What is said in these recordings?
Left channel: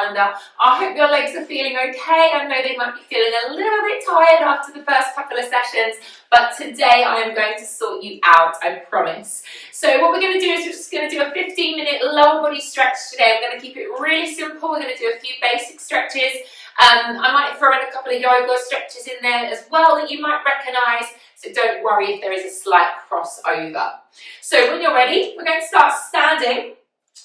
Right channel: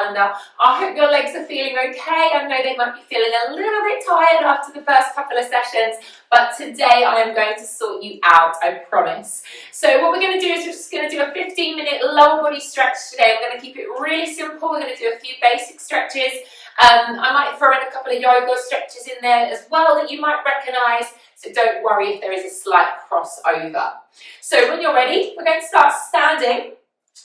calendar. I hope your legs are feeling okay. I know they might be feeling a little bit tired after the first couple of sessions, but today I am going to sort you out, I promise. So what we're going to do is we're just going to do a 15-minute lower body stretch today. I'm going to keep it really simple. We're going to do a few basic stretches. I might throw in a couple of yoga stretches in there as well that you might recognise, so don't worry if there is a slight crossover. So when you're ready, we're going to start standing.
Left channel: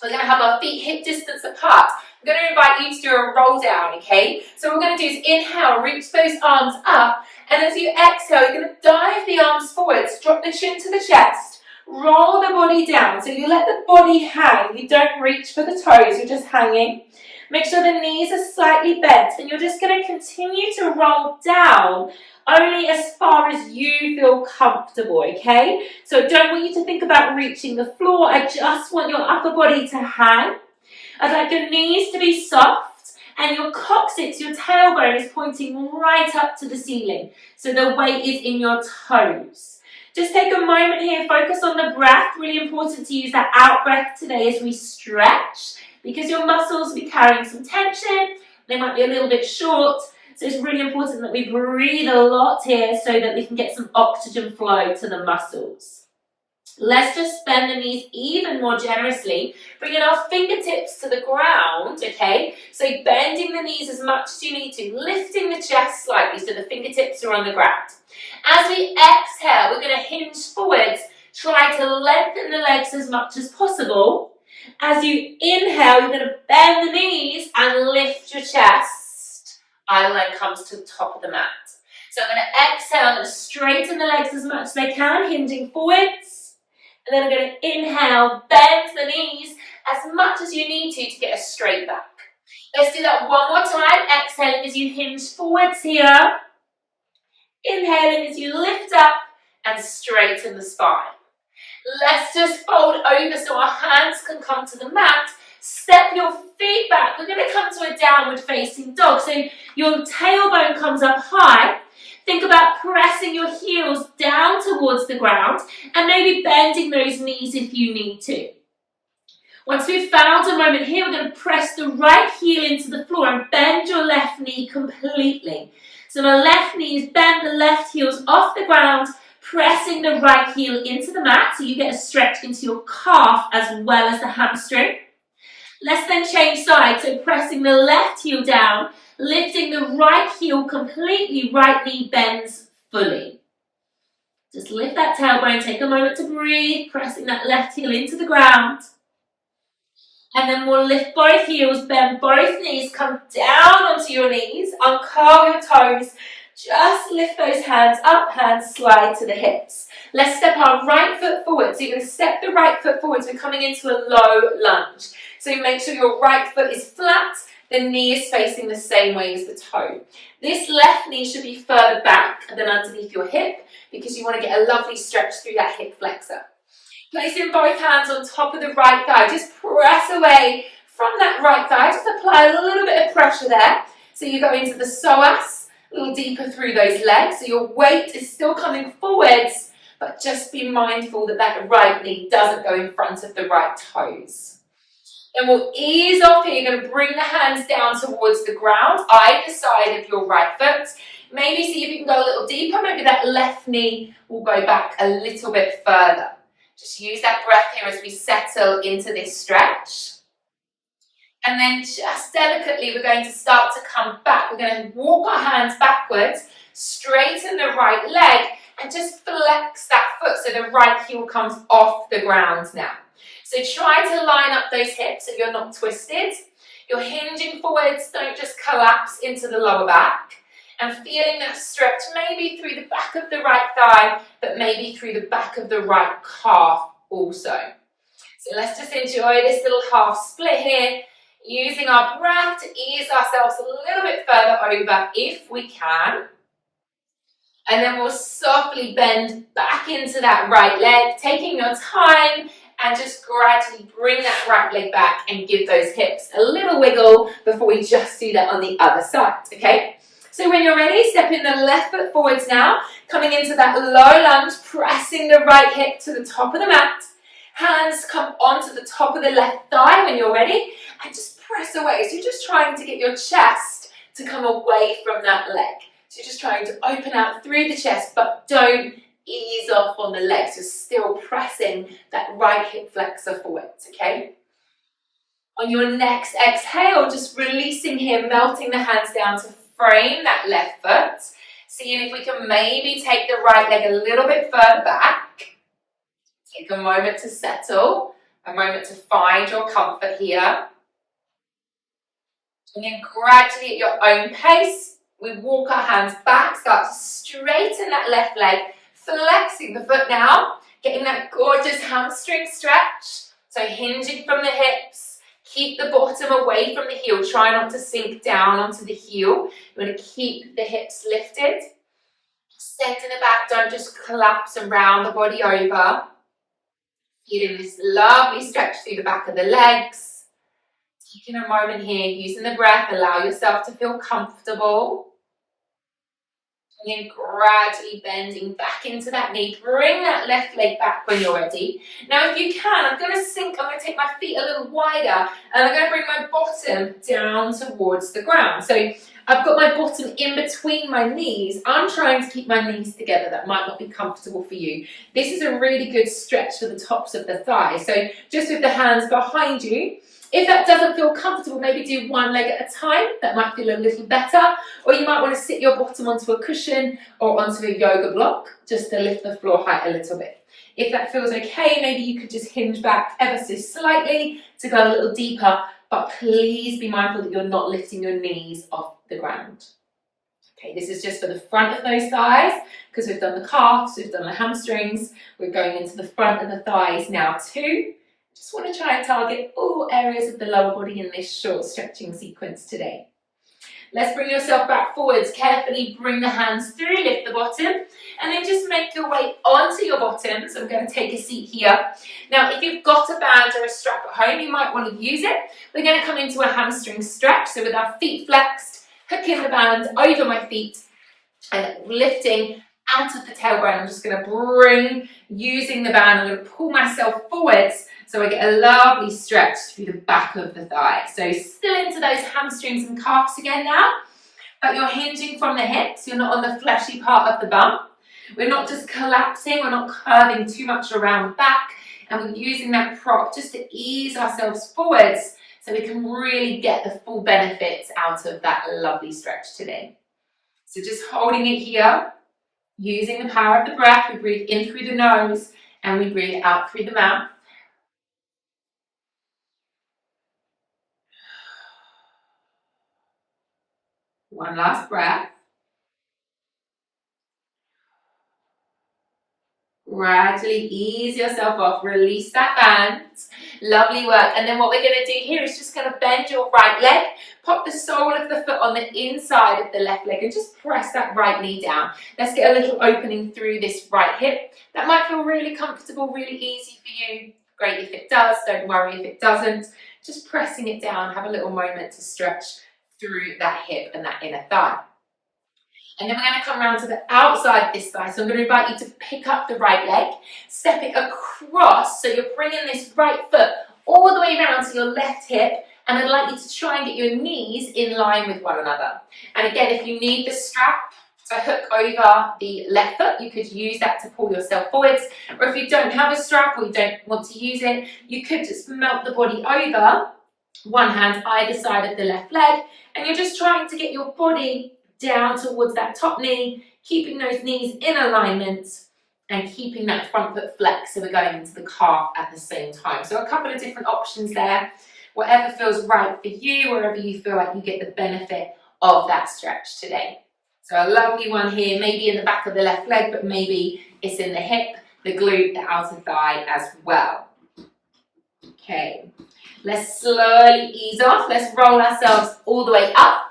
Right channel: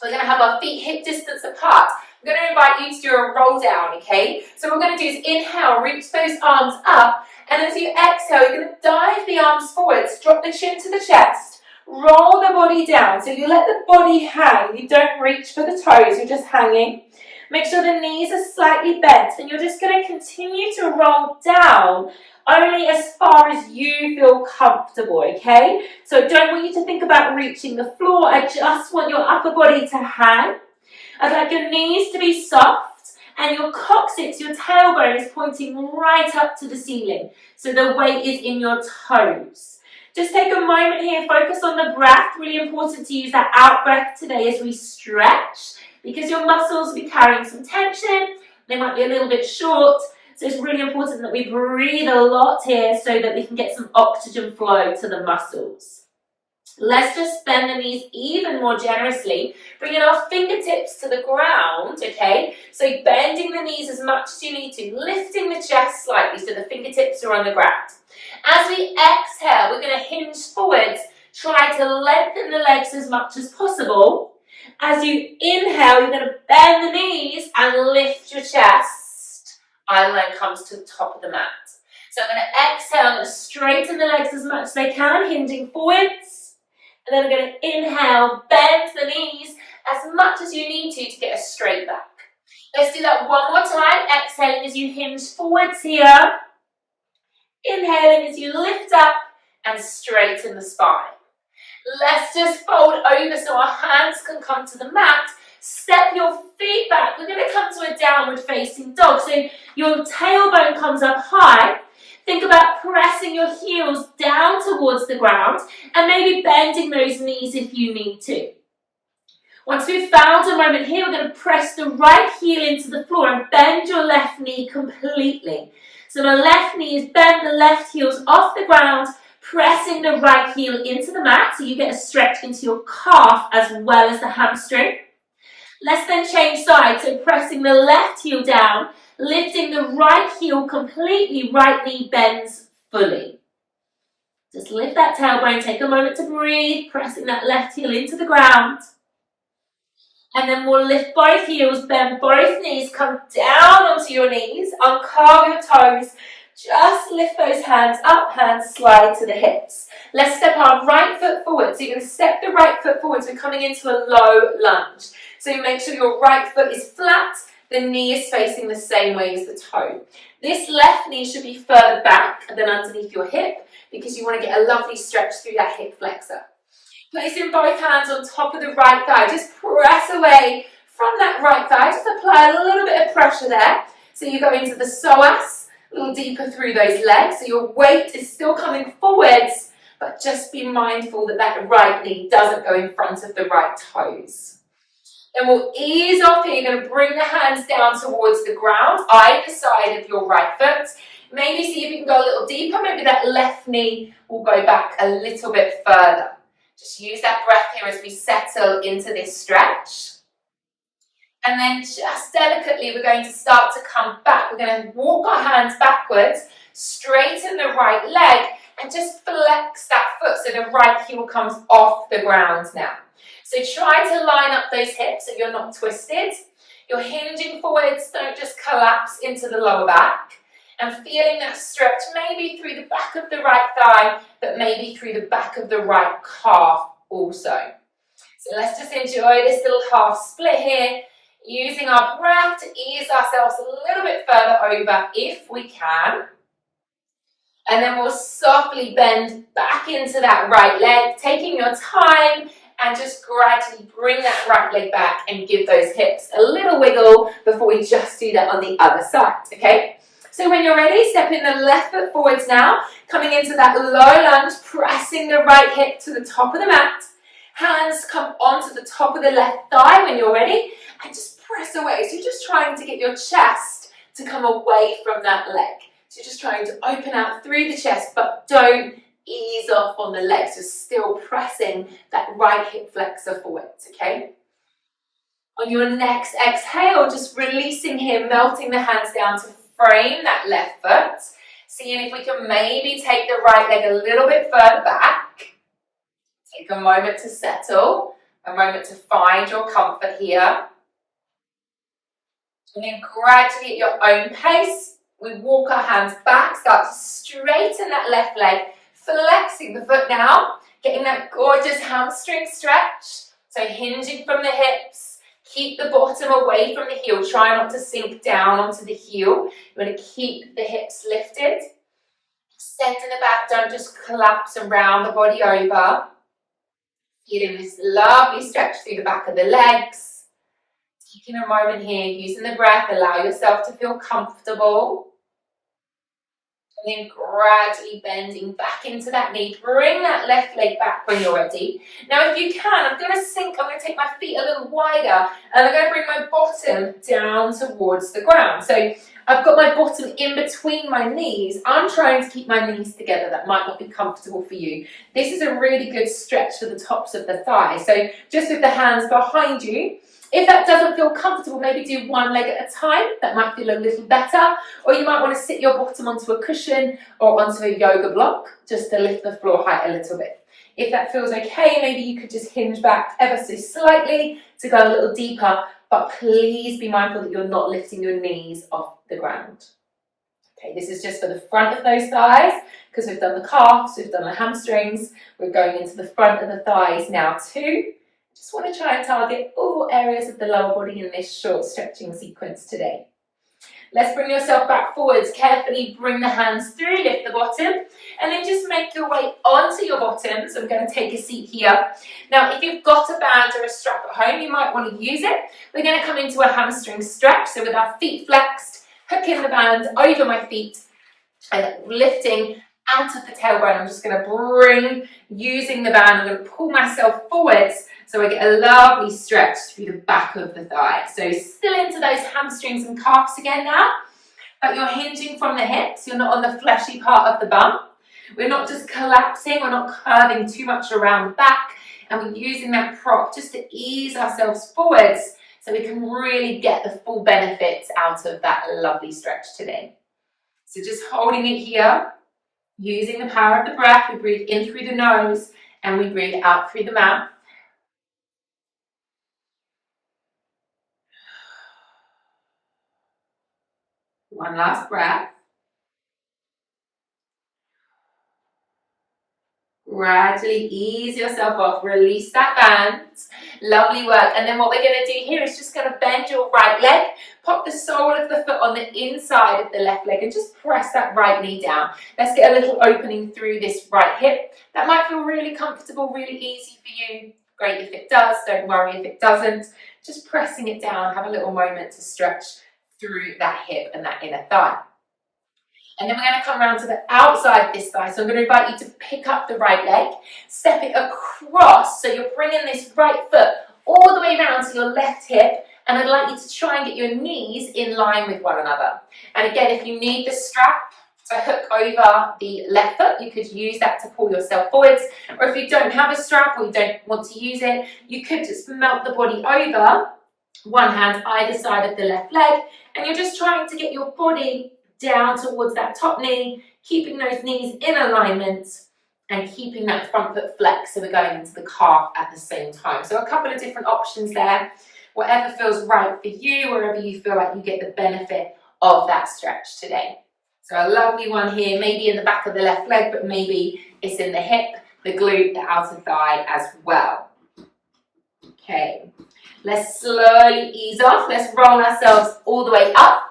We're going to have our feet hip distance apart. I'm going to invite you to do a roll down, okay? So what we're going to do is inhale, reach those arms up, and as you exhale, you're going to dive the arms forwards, drop the chin to the chest, roll the body down. So you let the body hang, you don't reach for the toes, you're just hanging. Make sure the knees are slightly bent, and you're just going to continue to roll down only as far as you feel comfortable, okay? So I don't want you to think about reaching the floor. I just want your upper body to hang. I'd like your knees to be soft, and your coccyx, your tailbone, is pointing right up to the ceiling. So the weight is in your toes. Just take a moment here, focus on the breath. Really important to use that out breath today as we stretch, because your muscles will be carrying some tension. They might be a little bit short. So it's really important that we breathe a lot here so that we can get some oxygen flow to the muscles. Let's just bend the knees even more generously, bringing our fingertips to the ground, okay? So bending the knees as much as you need to, lifting the chest slightly so the fingertips are on the ground. As we exhale, we're going to hinge forwards, try to lengthen the legs as much as possible. As you inhale, you're going to bend the knees and lift your chest. Eye line comes to the top of the mat. So I'm going to exhale, I'm going to straighten the legs as much as I can, hinging forwards. And then I'm going to inhale, bend the knees as much as you need to get a straight back. Let's do that one more time. Exhaling as you hinge forwards here. Inhaling as you lift up and straighten the spine. Let's just fold over so our hands can come to the mat. Step your feet back. We're going to come to a downward facing dog. So your tailbone comes up high. Think about pressing your heels down towards the ground and maybe bending those knees if you need to. Once we've found a moment here, we're going to press the right heel into the floor and bend your left knee completely. So the left knee is bent, the left heel's off the ground, pressing the right heel into the mat so you get a stretch into your calf as well as the hamstring. Let's then change sides, so pressing the left heel down, lifting the right heel completely, right knee bends fully. Just lift that tailbone, take a moment to breathe, pressing that left heel into the ground. And then we'll lift both heels, bend both knees, come down onto your knees, uncurl your toes, just lift those hands up, hands slide to the hips. Let's step our right foot forward. So you're going to step the right foot forward. We're coming into a low lunge. So you make sure your right foot is flat, the knee is facing the same way as the toe. This left knee should be further back than underneath your hip because you want to get a lovely stretch through that hip flexor. Placing both hands on top of the right thigh. Just press away from that right thigh. Just apply a little bit of pressure there. So you go into the psoas, a little deeper through those legs. So your weight is still coming forwards, but just be mindful that that right knee doesn't go in front of the right toes. Then we'll ease off here. You're going to bring the hands down towards the ground, either side of your right foot. Maybe see if you can go a little deeper. Maybe that left knee will go back a little bit further. Just use that breath here as we settle into this stretch. And then just delicately, we're going to start to come back. We're going to walk our hands backwards, straighten the right leg, and just flex that foot so the right heel comes off the ground now. So try to line up those hips so you're not twisted. You're hinging forwards, don't just collapse into the lower back. And feeling that stretch maybe through the back of the right thigh, but maybe through the back of the right calf also. So let's just enjoy this little half split here, using our breath to ease ourselves a little bit further over if we can. And then we'll softly bend back into that right leg, taking your time, and just gradually bring that right leg back and give those hips a little wiggle before we just do that on the other side, okay? So when you're ready, step in the left foot forwards now, coming into that low lunge, pressing the right hip to the top of the mat. Hands come onto the top of the left thigh when you're ready, and just press away. So you're just trying to get your chest to come away from that leg. So you're just trying to open out through the chest, but don't ease off on the legs. You're still pressing that right hip flexor forwards, okay? On your next exhale, just releasing here, melting the hands down to frame that left foot. Seeing if we can maybe take the right leg a little bit further back. Take a moment to settle, a moment to find your comfort here. And then gradually at your own pace, we walk our hands back, start to straighten that left leg, flexing the foot now, getting that gorgeous hamstring stretch. So hinging from the hips, keep the bottom away from the heel. Try not to sink down onto the heel. You want to keep the hips lifted. Extend in the back, don't just collapse and round the body over. Feeling this lovely stretch through the back of the legs. Taking a moment here, using the breath, allow yourself to feel comfortable. And then gradually bending back into that knee. Bring that left leg back when you're ready. Now if you can, I'm going to take my feet a little wider and I'm going to bring my bottom down towards the ground. So I've got my bottom in between my knees. I'm trying to keep my knees together. That might not be comfortable for you. This is a really good stretch for the tops of the thighs. So just with the hands behind you. If that doesn't feel comfortable, maybe do one leg at a time. That might feel a little better. Or you might want to sit your bottom onto a cushion or onto a yoga block just to lift the floor height a little bit. If that feels okay, maybe you could just hinge back ever so slightly to go a little deeper. But please be mindful that you're not lifting your knees off the ground. Okay, this is just for the front of those thighs because we've done the calves, we've done the hamstrings. We're going into the front of the thighs now too. Just want to try and target all areas of the lower body in this short stretching sequence today. Let's bring yourself back forwards. Carefully bring the hands through, lift the bottom, and then just make your way onto your bottom. So I'm going to take a seat here. Now, if you've got a band or a strap at home, you might want to use it. We're going to come into a hamstring stretch. So with our feet flexed, hooking the band over my feet, and lifting out of the tailbone. I'm just going to bring, using the band, I'm going to pull myself forwards so I get a lovely stretch through the back of the thigh. So still into those hamstrings and calves again now, but you're hinging from the hips. You're not on the fleshy part of the bum. We're not just collapsing, we're not curving too much around the back, and we're using that prop just to ease ourselves forwards so we can really get the full benefits out of that lovely stretch today. So just holding it here, using the power of the breath. We breathe in through the nose and we breathe out through the mouth. One last breath. Gradually ease yourself off, release that band. Lovely work. And then what we're going to do here is just going to bend your right leg, pop the sole of the foot on the inside of the left leg and just press that right knee down. Let's get a little opening through this right hip. That might feel really comfortable, really easy for you. Great if it does, don't worry if it doesn't. Just pressing it down, have a little moment to stretch through that hip and that inner thigh. And then we're going to come around to the outside of this thigh. So I'm going to invite you to pick up the right leg, step it across. So you're bringing this right foot all the way around to your left hip. And I'd like you to try and get your knees in line with one another. And again, if you need the strap to hook over the left foot, you could use that to pull yourself forwards. Or if you don't have a strap or you don't want to use it, you could just melt the body over, one hand either side of the left leg. And you're just trying to get your body down towards that top knee, keeping those knees in alignment and keeping that front foot flexed. So we're going into the calf at the same time. So a couple of different options there. Whatever feels right for you, wherever you feel like you get the benefit of that stretch today. So a lovely one here, maybe in the back of the left leg, but maybe it's in the hip, the glute, the outer thigh as well. Okay, let's slowly ease off. Let's roll ourselves all the way up.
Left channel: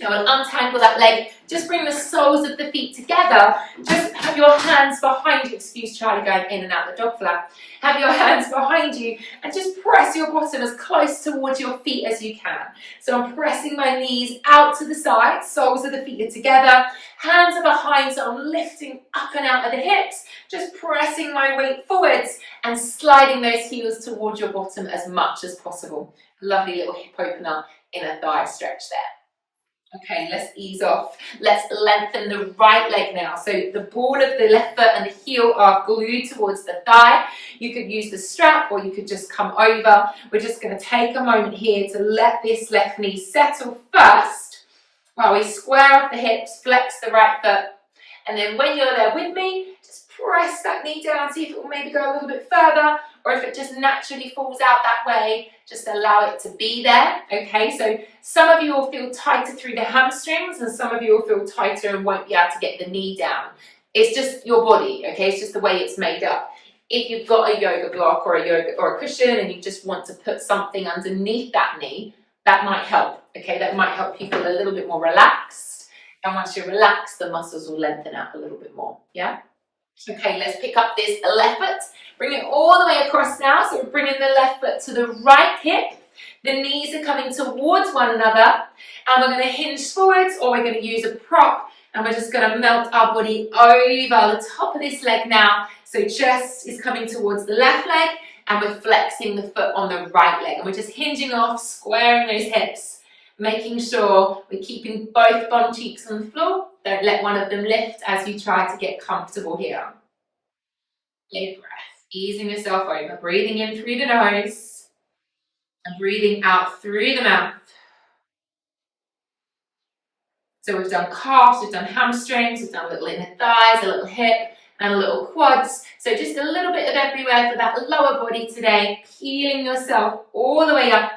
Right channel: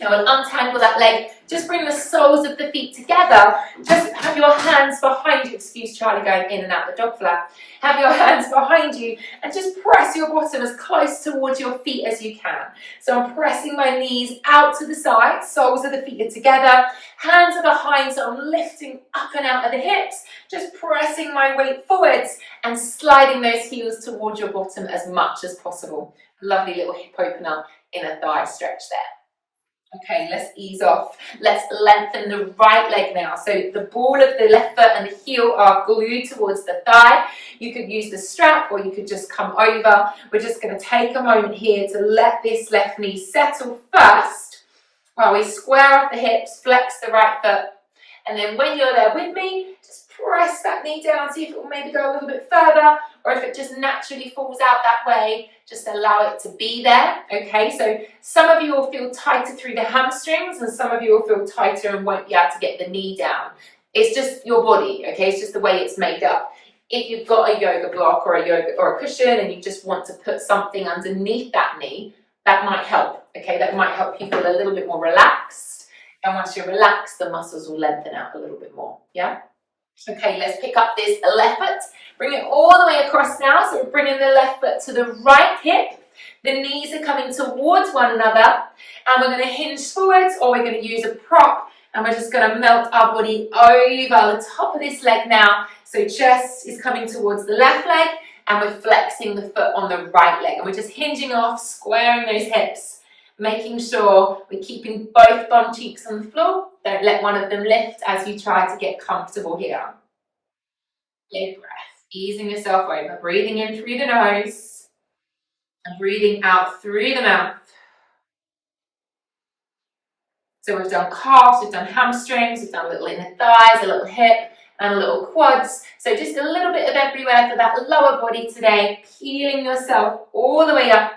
Now we'll untangle that leg Just bring the soles of the feet together. Just have your hands behind you. Excuse Charlie going in and out the dog flap. Have your hands behind you and just press your bottom as close towards your feet as you can. So I'm pressing my knees out to the side, soles of the feet are together, hands are behind, so I'm lifting up and out of the hips, just pressing my weight forwards and sliding those heels towards your bottom as much as possible. Lovely little hip opener, inner thigh stretch there. Okay, let's ease off. Let's lengthen the right leg now. So the ball of the left foot and the heel are glued towards the thigh. You could use the strap or you could just come over. We're just going to take a moment here to let this left knee settle first while we square off the hips, flex the right foot. And then when you're there with me, just press that knee down, see if it will maybe go a little bit further, or if it just naturally falls out that way, just allow it to be there, okay? So some of you will feel tighter through the hamstrings and some of you will feel tighter and won't be able to get the knee down. It's just your body, okay? It's just the way it's made up. If you've got a yoga block or a cushion and you just want to put something underneath that knee, that might help, okay? That might help you feel a little bit more relaxed. And once you're relaxed, the muscles will lengthen out a little bit more, yeah? Okay, let's pick up this left foot. Bring it all the way across now. So we're bringing the left foot to the right hip. The knees are coming towards one another. And we're going to hinge forwards or we're going to use a prop. And we're just going to melt our body over the top of this leg now. So chest is coming towards the left leg. And we're flexing the foot on the right leg. And we're just hinging off, squaring those hips. Making sure we're keeping both bum cheeks on the floor. Don't let one of them lift as you try to get comfortable here. Big breath, easing yourself over, breathing in through the nose and breathing out through the mouth. So we've done calves, we've done hamstrings, we've done a little inner thighs, a little hip and a little quads. So just a little bit of everywhere for that lower body today, peeling yourself all the way up.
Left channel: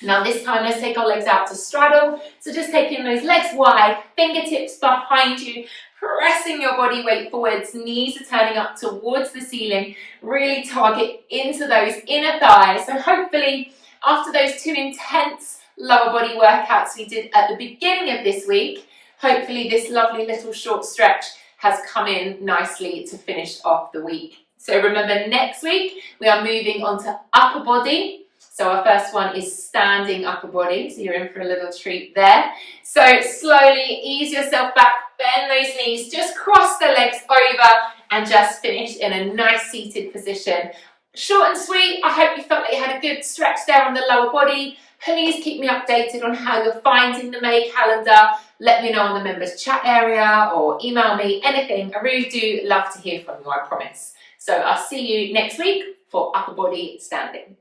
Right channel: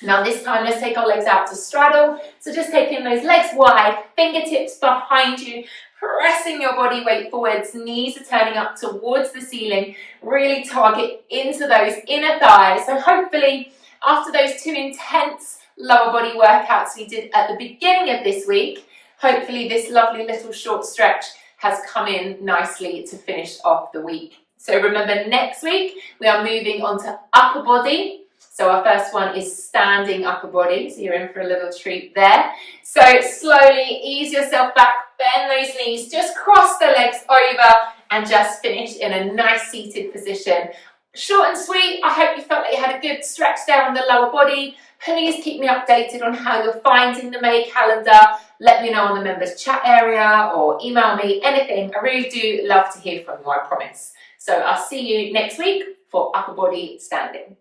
Now this time, let's take our legs out to straddle. So just taking those legs wide, fingertips behind you, pressing your body weight forwards, knees are turning up towards the ceiling. Really target into those inner thighs. So hopefully, after those 2 intense lower body workouts we did at the beginning of this week, hopefully this lovely little short stretch has come in nicely to finish off the week. So remember, next week, we are moving on to upper body. So our first one is standing upper body, so you're in for a little treat there. So slowly ease yourself back, bend those knees, just cross the legs over and just finish in a nice seated position. Short and sweet, I hope you felt like you had a good stretch there on the lower body. Please keep me updated on how you're finding the May calendar. Let me know on the members chat area or email me, anything. I really do love to hear from you, I promise. So I'll see you next week for upper body standing.